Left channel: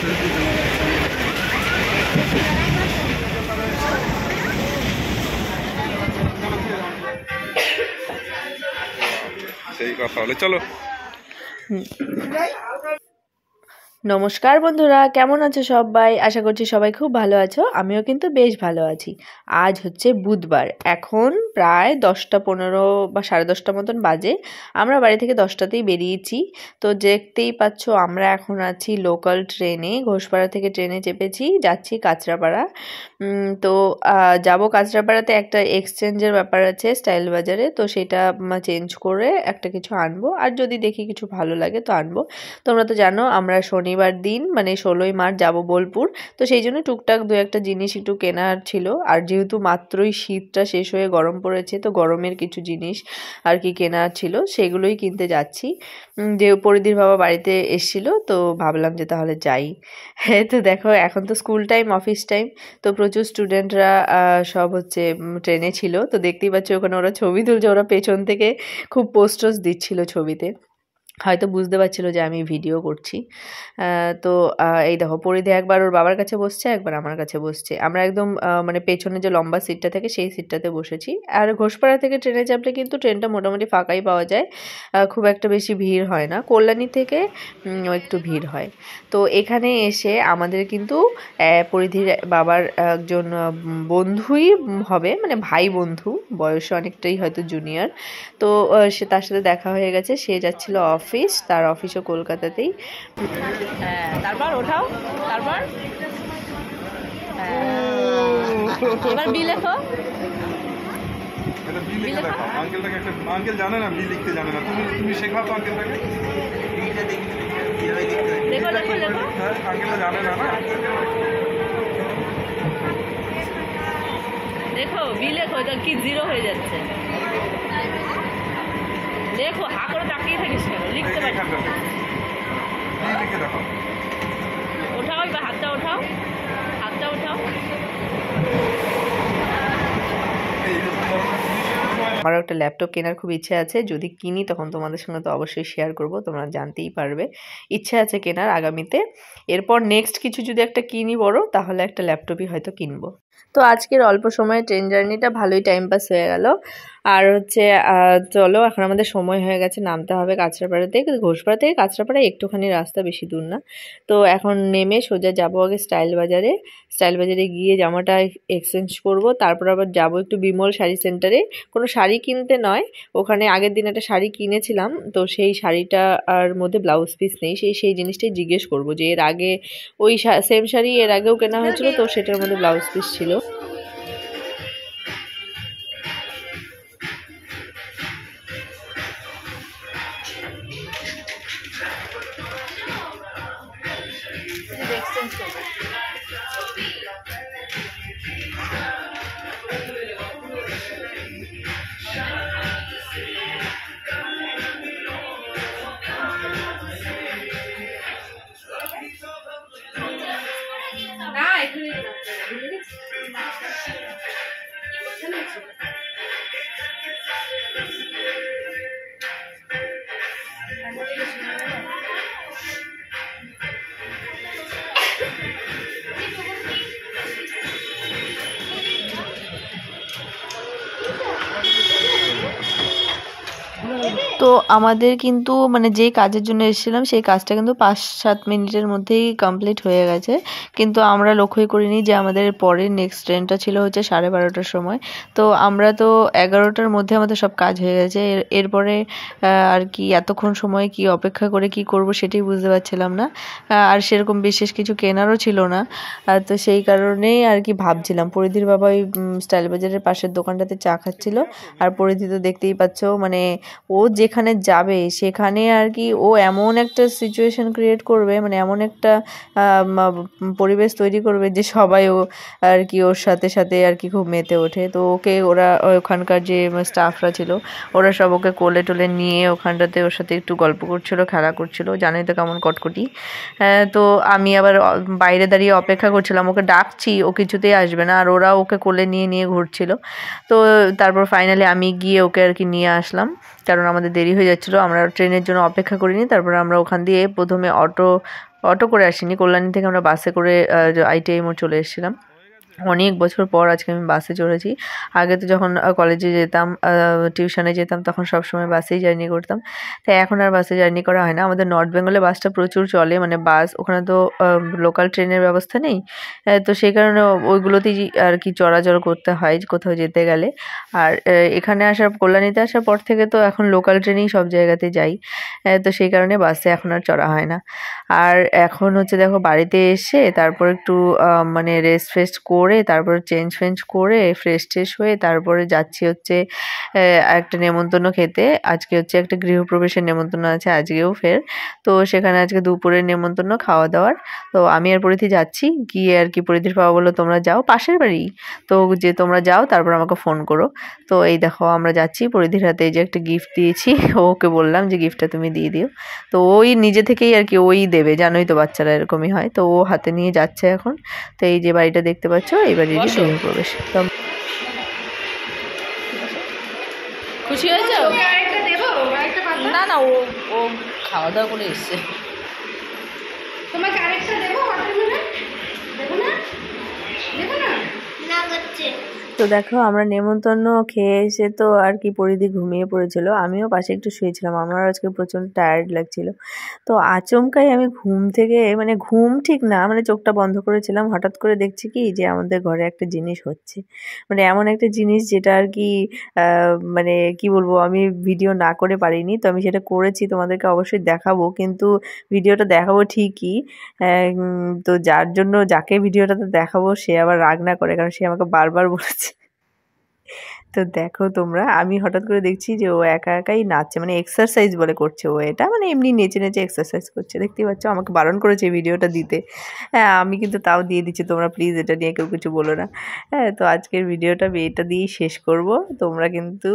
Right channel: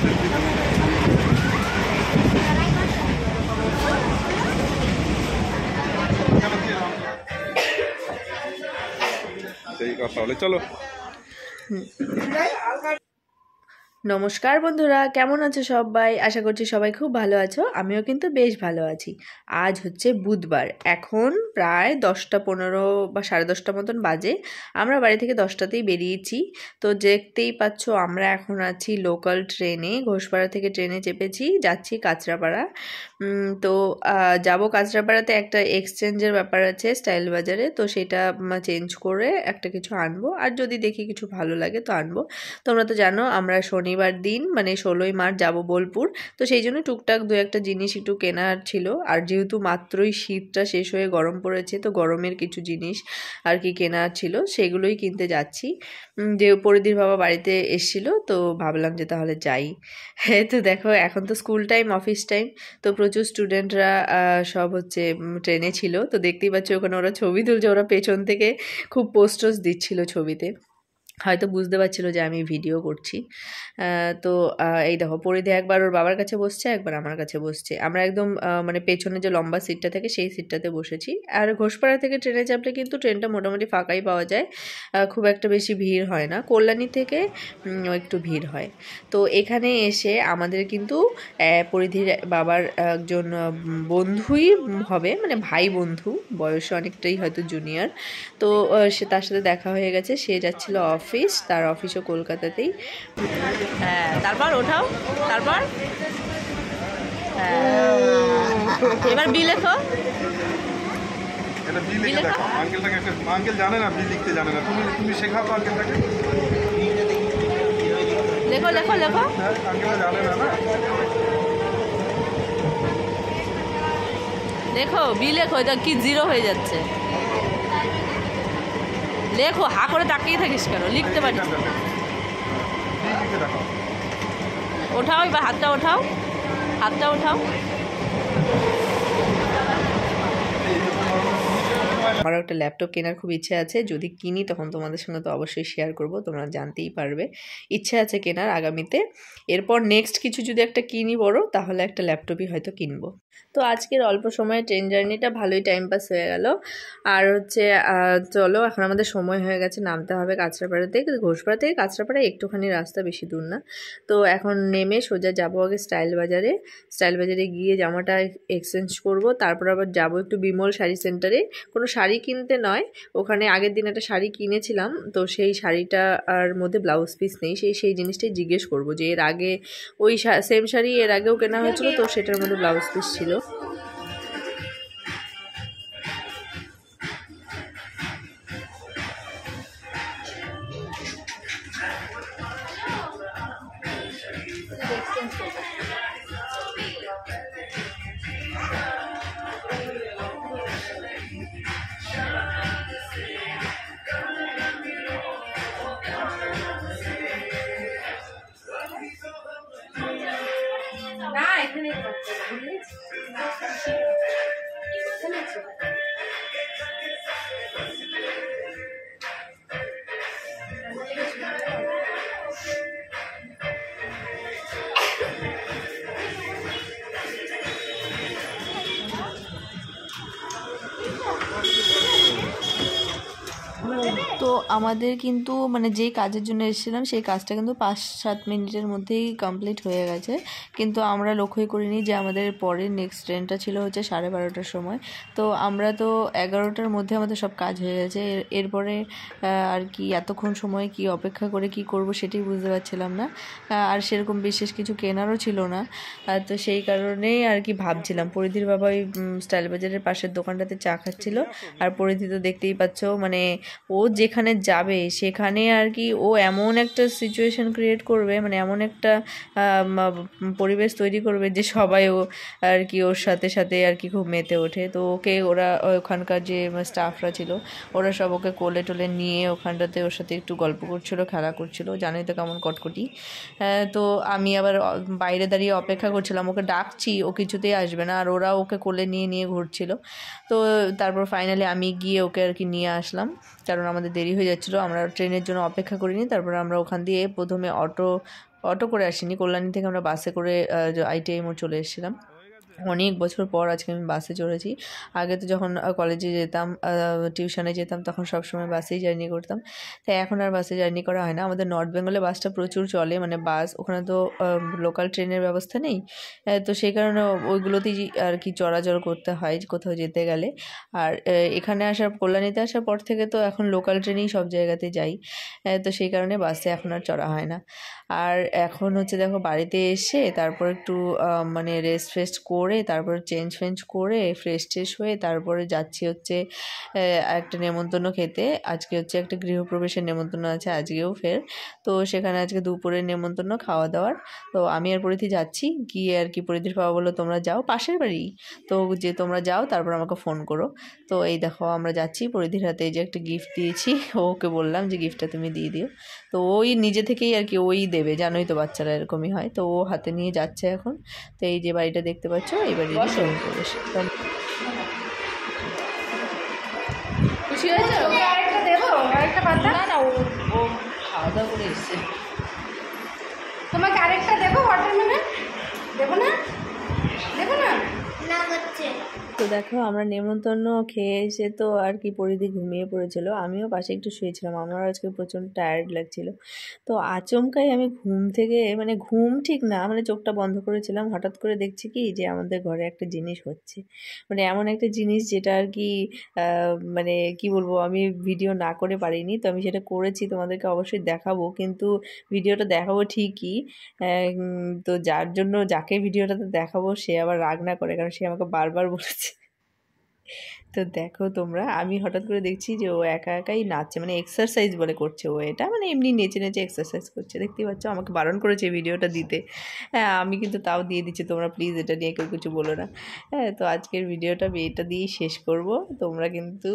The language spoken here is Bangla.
সেই কথা হলে চলো। নমস্কার বন্ধুরা, কেমন আছো সবাই? আশা করছি সবাই খুব ভালো আছো। আমিও কিন্তু বেশ ভালো আছি। আজ হচ্ছে বুধবার, এখন প্রায় 10টা 15 বা 10:30 মতন বাজে। আমরা বাড়ি থেকে 10টাতেই বেরিয়েছি। তো দেখতেই পাচ্ছ আমরা এখন আছি লোকাল ট্রেনে, ঘোষপাড়া থেকে ট্রেনে চেপেছি, যাচ্ছি কাঁচরাপাড়া। তো যাব কাঁচরাপাড়াতে, একটা এক্সচেঞ্জের ব্যাপার আছে স্টাইল বাজারে, তো সেটা চেঞ্জ করে একটা কিছু আনবো, আর যদি দেখি কিছু ভালো লাগে তো আনবো। তোমরা তো জানো আমরা শনিবার দিন মানে 16ই মার্চ যাব বোলপুর, তো সেই জন্য টুকটাক দু একটা জিনিস একটু কেনার ছিল। আর যেহেতু মাত্রই শীতটা শেষ হয়ে গরম পড়েছে, তো গরমের কিছু জিনিস আর কি কেনার ছিল, সেগুলোই কিনতে যাচ্ছি। যে পরিধির বাবা বাড়িতে এসেছিল, তো ভাবলাম যে তাহলে যাই। হ্যাঁ, তো দেখো এখন তো স্কুল টাইম, অফিস টাইম, তো প্রচুর স্টুডেন্টরা সব হচ্ছে ট্রেনে ছিল। তো দেখতেই পাচ্ছ ওখানে ওরা ছবি তুলছে, ওরা পেছন থেকে খুব পোস্টার্স দিচ্ছিল ছবিতে, হয়তো বুঝতে পারছিল যে আমি ভিডিও করছি। তো এই দেখো পরিধি একবার ওর বাবার কাছে বসছে, একবার আমার কাছে বসছে। আমরা একদম মানে পেছনে যে লম্বা সিটটা থাকে সেই সিটটাতে বসেছি। আর ঘোষপাড়া থেকে ট্রেনে চাপলে কিন্তু ট্রেনটা মোটামুটি ফাঁকাই পাওয়া যায়, খুব একটা বেশি ভিড় হয় না। কল্যাণী থেকে একটু ভিড় হয়। তো এখানে এসে আমাদের কিন্তু পরিধির বাবার একজন বন্ধুই হবে, মানে ভাই বন্ধু, বয়সে অনেকটাই হয়তো জুনিয়র। তো সে তার সাথে দেখা হয়ে গেছে, সে যাচ্ছিল অফিস, তার অফিসও কলকাতাতেই। হ্যাঁ, তারপর ওঠাও, তারপর এবার বি লেখো। এটা বি লিখে দেখো। আঙ্কেলটাকে একটা, আঙ্কেল জানে না বি লিখতে, জানে না। তুমি শেখাও তো আঙ্কেলটাকে। লেখো লেখো লেখো। হ্যাঁ, আঙ্কেলটা জানে না, না লেখো, বি লেখো। এটা কি জিরো হয়ে যাচ্ছে? লেখো, হা করে তাকিয়ে থাকিস কেন? লিখতে পারিস? বি লিখে দেখো। ওঠাও, এবার হাতটা ওঠাও, হাতটা ওঠাও। আমারও একটা ল্যাপটপ কেনার খুব ইচ্ছে আছে, যদি কিনি তখন তোমাদের সঙ্গে তো অবশ্যই শেয়ার করব, তোমরা জানতেই পারবে। ইচ্ছে আছে কেনার আগামীতে। এরপর নেক্সট কিছু যদি একটা কিনি বড়, তাহলে একটা ল্যাপটপই হয়তো কিনবো। তো আজকের অল্প সময়ে ট্রেন জার্নিটা ভালোই টাইম পাস হয়ে গেল। আর হচ্ছে চলো, এখন আমাদের সময় হয়ে গেছে, নামতে হবে কাঁচরাপাড়া থেকে। ঘোষপাড়া থেকে কাঁচরাপাড়া একটুখানি রাস্তা, বেশি দূর না। তো এখন নেমে সোজা যাবো আগে স্টাইল বাজারে। স্টাইল বাজারে গিয়ে জামাটা এক্সচেঞ্জ করব, তারপর আবার যাব একটু বিমল শাড়ি সেন্টারে। কোনো শাড়ি কিনতে নয়, ওখানে আগের দিন একটা শাড়ি কিনেছিলাম, তো সেই শাড়িটা আর মধ্যে ব্লাউজ পিস নেই, সেই জিনিসটাই জিজ্ঞেস করব যে এর আগে ওই সেম শাড়ি এর আগেও কেনা হয়েছিল, তো সেটার মধ্যে ব্লাউজ পিস ছিল। তো আমাদের কিন্তু মানে যেই কাজের জন্য এসেছিলাম সেই কাজটা কিন্তু 5-7 মিনিটের মধ্যেই কমপ্লিট হয়ে গেছে, কিন্তু আমরা লক্ষ্যই করিনি যে আমাদের পরের নেক্সট ট্রেনটা ছিল হচ্ছে 12:30টার সময়। তো আমরা তো 11টার মধ্যে আমাদের সব কাজ হয়ে গেছে। এরপরে আর কি এতক্ষণ সময় কি অপেক্ষা করে কি করব সেটাই বুঝতে পারছিলাম না। আর সেরকম বিশেষ কিছু কেনারও ছিল না। তো সেই কারণেই আর কি ভাবছিলাম, পরিধির বাবা ওই স্টাইল বাজারের পাশের দোকানটাতে চা খাচ্ছিল। আর পরিধি তো দেখতেই পাচ্ছ, মানে ও যেখানে যাবে সেখানে আর কি ও এমন একটা সিচুয়েশন ক্রিয়েট করবে, মানে এমন একটা পরিবেশ তৈরি করবে যে সবাই ও আর কি ওর সাথে সাথে আর কি খুব মেতে ওঠে। তো ওকে ওরা ওখানকার যে স্টাফরা ছিল ওরা সব ওকে কোলে টোলে নিয়ে ওখানটাতে ওর সাথে একটু গল্প করছিল, খেলা করছিল। জানোই তো কেমন কটকটি। তো আমি আবার বাইরে দাঁড়িয়ে অপেক্ষা করছিলাম, ওকে ডাকছি, ও কিছুতেই আসবে না, আর ওরা ওকে কোলে নিয়ে নিয়ে ঘুরছিল। তো তারপর ফাইনালি আমি গিয়ে ওকে আর কি নিয়ে আসলাম, কারণ আমাদের দেরি হয়ে যাচ্ছিলো, আমরা ট্রেনের জন্য অপেক্ষা করিনি। তারপর আমরা ওখান দিয়ে প্রথমে অটো অটো করে আসিনি, কল্যাণী থেকে আমরা বাসে করে ITI মোড় চলে এসেছিলাম। অনেক বছর পর আজকে আমি বাসে চড়েছি। আগে তো যখন কলেজে যেতাম, টিউশনে যেতাম, তখন সবসময় বাসেই জার্নি করতাম। তাই এখন আর বাসে জার্নি করা হয় না। আমাদের নর্থ বেঙ্গলে বাসটা প্রচুর চলে, মানে বাস, ওখানে তো লোকাল ট্রেনের ব্যবস্থা নেই। তো সেই কারণে ওইগুলোতেই আর কি চলাচল করতে হয় কোথাও যেতে গেলে। আর এখানে কল্যাণীতে আসার পর থেকে তো এখন লোকাল ট্রেনেই সব জায়গাতে যাই। তো সেই কারণে বাসে এখন আর চড়া হয় না। আর এখন হচ্ছে দেখো বাড়িতে এসে তারপর একটু মানে রেস্ট ফেস্ট করে, তারপর চেঞ্জ ফেঞ্জ করে ফ্রেশ ট্রেশ হয়ে তারপরে যাচ্ছি হচ্ছে একটা নেমন্তন্ন খেতে। আজকে হচ্ছে একটা গৃহপ্রবেশের নেমন্তন্ন আছে আজকেও ফের। তো সেখানে আজকে দুপুরের নেমন্তন্ন খাওয়া দাওয়ার। তো আমি আর পরিধি যাচ্ছি, গিয়ে আর কি পরিধির বাবা বললো তোমরা যাও, পাশের বাড়ি তো, যে তোমরা যাও তারপর আমাকে ফোন করো। তো এই দেখো আমরা যাচ্ছি, পরিধির হাতে এই যে একটা গিফট দিয়েছি, ওকে বললাম যে গিফটটা তুমি দিয়ে দিও। তো ওই নিজে থেকেই আর কি ওই দেবে, জানোই তো বাচ্চারা এরকমই হয়। তো ও হাতে নিয়ে যাচ্ছে এখন। তো এই যে বাড়িটা দেখতে পাচ্ছ, এই বাড়ির গৃহপ্রবেশ। তো খুশি হয়েছে? না না, ও খাওয়া দাওয়া করে এসছে। তোমাকে আরেকটা দেবো ওয়াটারমেলন? দেবো না? দেবো না? না করছে। তো দেখো আমরা নেমন্তন্ন খেয়ে এসে তো আর কি পরিধি ঘুমিয়ে পড়েছিল, আমিও পাশে একটু শুয়েছিলাম। আমার আজকে প্রচণ্ড টায়ার্ড লাগছিল। তো আচমকাই আমি ঘুম থেকে, মানে ঘুম ঠিক না, মানে চোখটা বন্ধ করেছিলাম, হঠাৎ করে দেখছি কি যে আমাদের ঘরে একটা জিনিস হচ্ছে, মানে এমন একটা জিনিস যেটা আর কি মানে কি বলবো, আমি ভিডিও না করে পারিনি। তো আমি সেটা করেছি, তোমাদেরকে অবশ্যই দেখাবো, কিন্তু ভিডিওটা দেখাবো ঠিকই। তো যাকে ভিডিওটাতে দেখাবো সে আবার রাগ না করে, কারণ সে আমাকে বারবার বলেছে। তো দেখো তোমরা, আমি হঠাৎ করে দেখছি যে ও একা একাই নাচছে, মানে এক্সারসাইজ বলে করছে ও এটা, মানে এমনি নেচে নেচে এক্সারসাইজ করছে, দেখতেই পাচ্ছ। আমাকে বারণ করেছে এই ভিডিওটা দিতে, হ্যাঁ আমি কিন্তু তাও দিয়ে দিচ্ছি। তোমরা প্লিজ এটা নিয়ে কেউ কিছু বলো না। হ্যাঁ, তো আজকের ভিডিওটা আমি এটা দিয়েই শেষ করব। তোমরা কিন্তু